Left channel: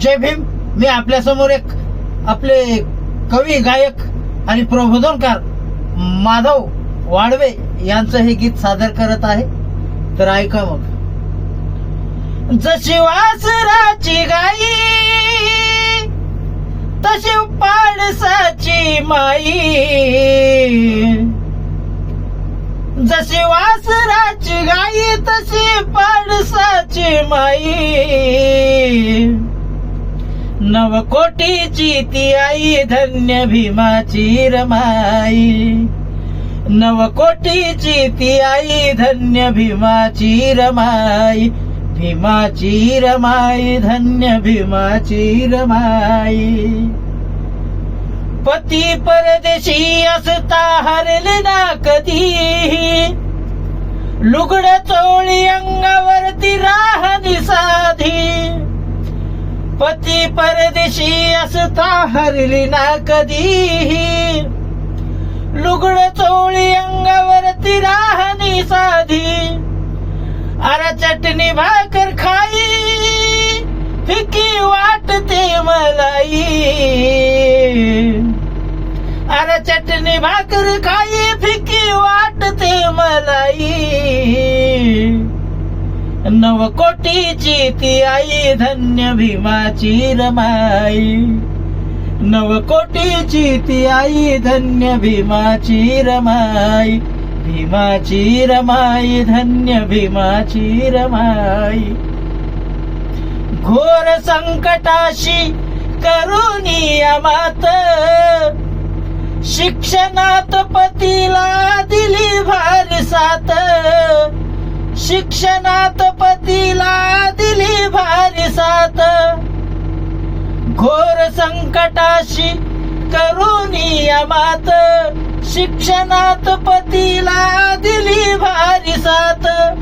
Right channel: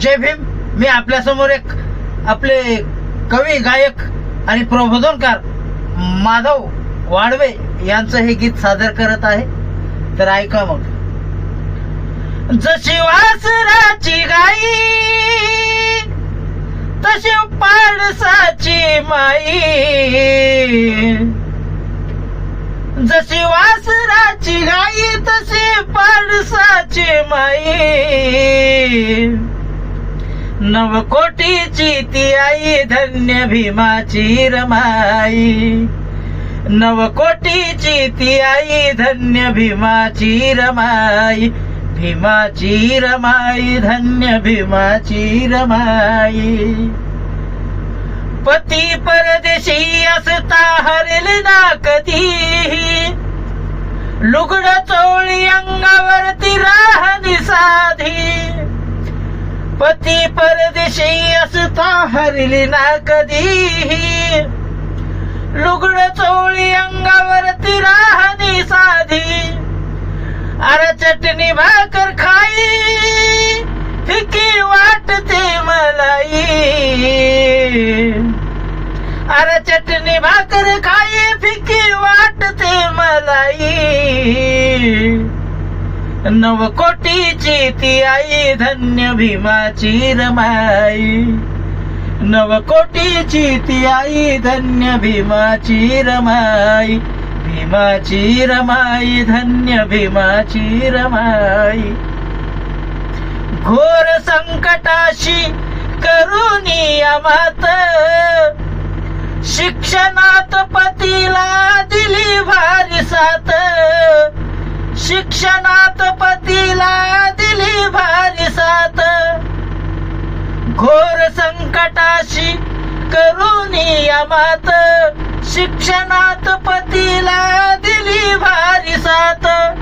जय भीम. मी आपल्यासमोर एक आपले कवी गायक आणि प्रबोधनकार माधव वाडवे यांचं हे गीत सादर करत आहे. तर ऐका मग. जशी वासराची गाई तशी पाडसाची माई. जशी वासराची गाई तशी पाडसाची माई. नव कोटीची ती आई धन्य भीमाची रमाई नवकोटीची ती आई धन्य भीमाची रमाई भीमाची रमाई धन्य भीमाची रमाई पती परदेशी असता हरले ना कधी लुगड चोळी अंगावरती राहणी साधी. पती परदेशी असता हरली ना कधी लुगड चोळी अंगावरती राहणी साधी. अरे चटणी भाकर खाई फिकी वाटते मलाई. अरे चटणी भाकर खाई फिकी वाटते मलाई. नवकोटीची ती आई धन्य भीमाची रमाई नवकोटीची ती आई धन्य भीमाची रमाई भीमाची रमाई धन्य भीमाची रमाई घोर संकटाशी करुणी मात. शिक्षणात पतीला दिली भारी सात शिक्षणात पतीला दिली भारी साथ. घोर संकटाशी करुणी मात. शिक्षणात पतीला दिली भारी साथ.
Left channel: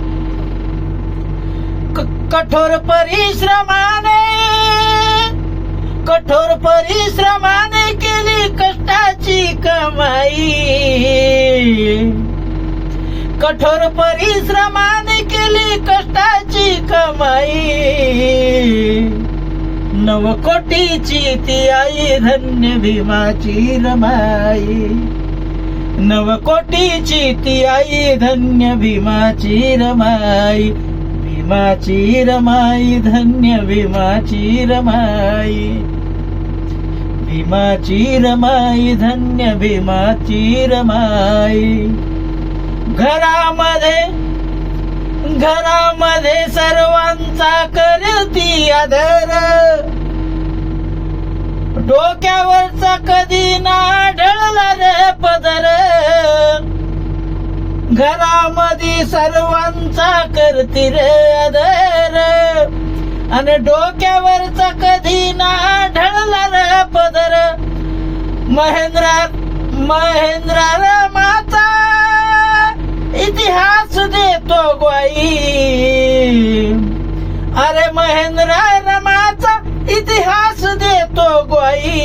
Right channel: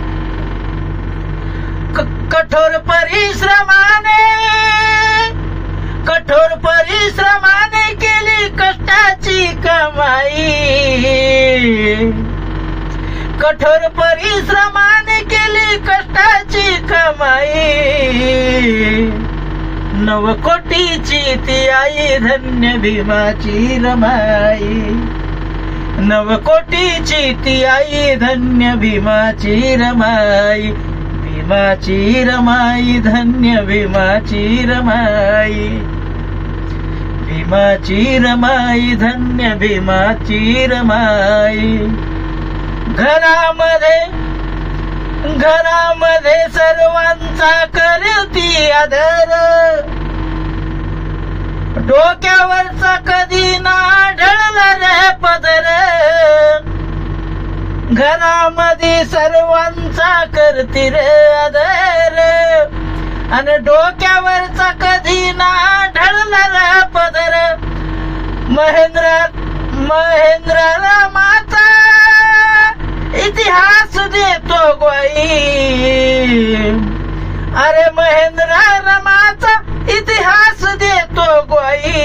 क- कठोर परिश्रमाने कठोर परिश्रमाने केली कष्टाची कमाई. कठोर परिश्रमाने केली कष्टाची कमाई. नवकोटीची ती आई धन्य भीमाची रमाई. नवकोटीची ती आई धन्य भीमाची रमाई. भीमाची रमाई धन्य भीमाची रमाई. भीमाची रमाई धन्य भीमाची रमाई. घरामध्ये घरामध्ये सर्वांचा करती आदर. डोक्यावरचा कधी ना ढळला रे पदर. घरामध्ये सर्वांचा करती रे आदर. आणि डोक्यावरचा कधी ना ढळला रे पदर. महेंद्रा महेंद्रा इतिहास देतो गोई अरे महेंद्र रमाचा इतिहास देतो गोई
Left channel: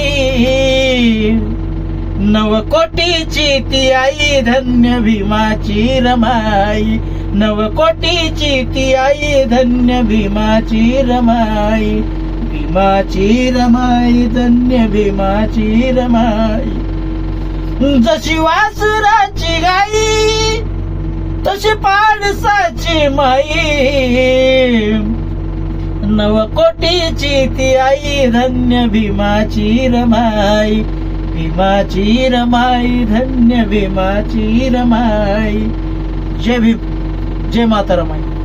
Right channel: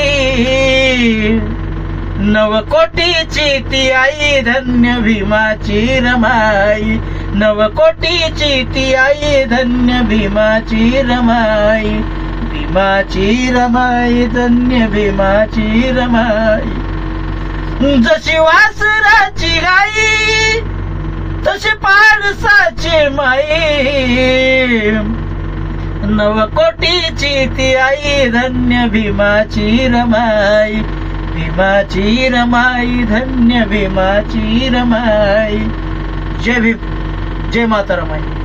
नवकोटीची ती आई धन्य भीमाची रमाई. नवकोटीची ती आई धन्य भीमाची रमाई. भीमाची रमाई धन्य भीमाची रमाई. जशी वासराची गाई तशी पाडसाची माई नवकोटीची ती आई धन्य भीमाची रमाई. भीमाची रमाई धन्य भीमाची रमाई. जय भीम जय माता रमाई.